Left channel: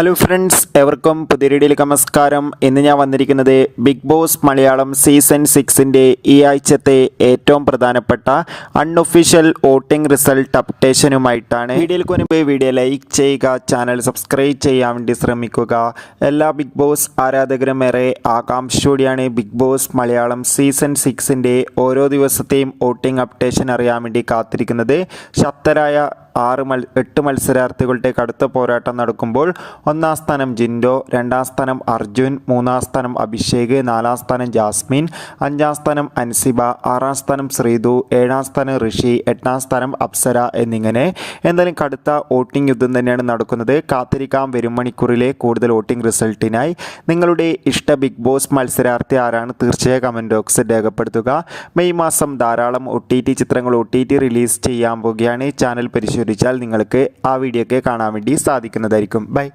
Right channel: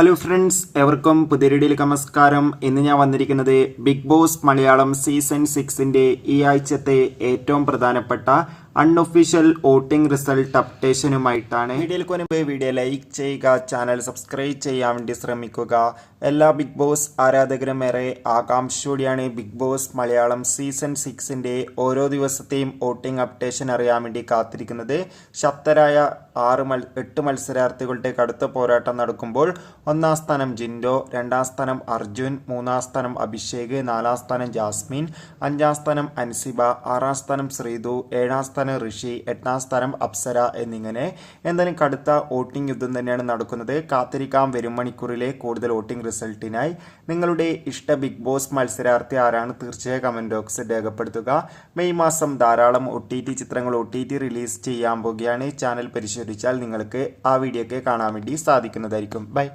Hello friends എവർക്കും പുതിയ വീഡിയോയിലേക്ക് നമസ്കാരം. ഇന്ന് ഞാൻ വന്നിരിക്കുന്നത് ബിഗ് ബോസ് മലയാളം സീസൺ സിക്സിന്റെ ഈ ആഴ്ചത്തെ ഏറ്റവും പ്രധാനപ്പെട്ട അൺഒഫീഷ്യൽ വോട്ടിംഗ് റിസൾട്ട് അപ്ഡേഷനുമായിട്ടാണ് വീഡിയോയിലേക്ക് മുൻപ് വീഡിയോ ലൈക്ക് ചെയ്യുക ചാനൽ സബ്സ്ക്രൈബ് ചെയ്യാൻ വേണ്ടി ശ്രമിക്കുക. എല്ലാ ബിഗ് ബോസ് ആരാധകരും ഏറെ ആകാംക്ഷയോടെയാണ് ബിഗ് ബോസ് മലയാളം സീസൺ സിക്സിന്റെ ഓരോ ദിവസത്തെയും വോട്ടിംഗ് അപ്ഡേഷൻ അറിയാൻ വേണ്ടി കാത്തിരിക്കുന്നത്. ശക്തരായ ആറ് മൽ എട്ട് മത്സരാർത്ഥികളുടെ കടുത്ത പോരാട്ടം നടക്കുമ്പോൾ ഒന്നാം സ്ഥാനം ജിൻഡോ രണ്ടാം സ്ഥാനം അർജുൻ മൂന്നാം സ്ഥാനം അഭിഷേക് നാലാം സ്ഥാനം ജാസ്മിൻ അഞ്ചാം സ്ഥാനം അൻസിബ ആറാം സ്ഥാനം ശ്രീതു ഏഴാം സ്ഥാനം ഋഷി എട്ടാം സ്ഥാനം അപ്സര എന്നിങ്ങനെ എന്തായാലും കടുത്ത വോട്ടിംഗ് യുദ്ധം തന്നെയാണ് നടക്കുന്നത്. കാത്തിരിക്കാം. വരും മണിക്കൂറിലെ കൂടുതൽ വോട്ടിംഗ് റിസൾട്ടിനായി നിങ്ങളുടെ ഇഷ്ട ബിഗ് ബോസ് മത്സരാർത്ഥി ആരാണ് തീർച്ചയായും കമന്റ് ബോക്സിൽ രേഖപ്പെടുത്തുക. മെയ് മാസം ധാരാളം ഒ ടി ടി ചിത്രങ്ങൾ ഒ ടി ടി റിലീസ് ചെയ്യാൻ പോകുകയാണ് ചാനൽ പരിശോധിച്ചാൽ നിങ്ങൾക്ക് ആ വീഡിയോ ഒക്കെ കാണാൻ വേണ്ടി സാധിക്കുന്നതായിരിക്കും. ബൈ.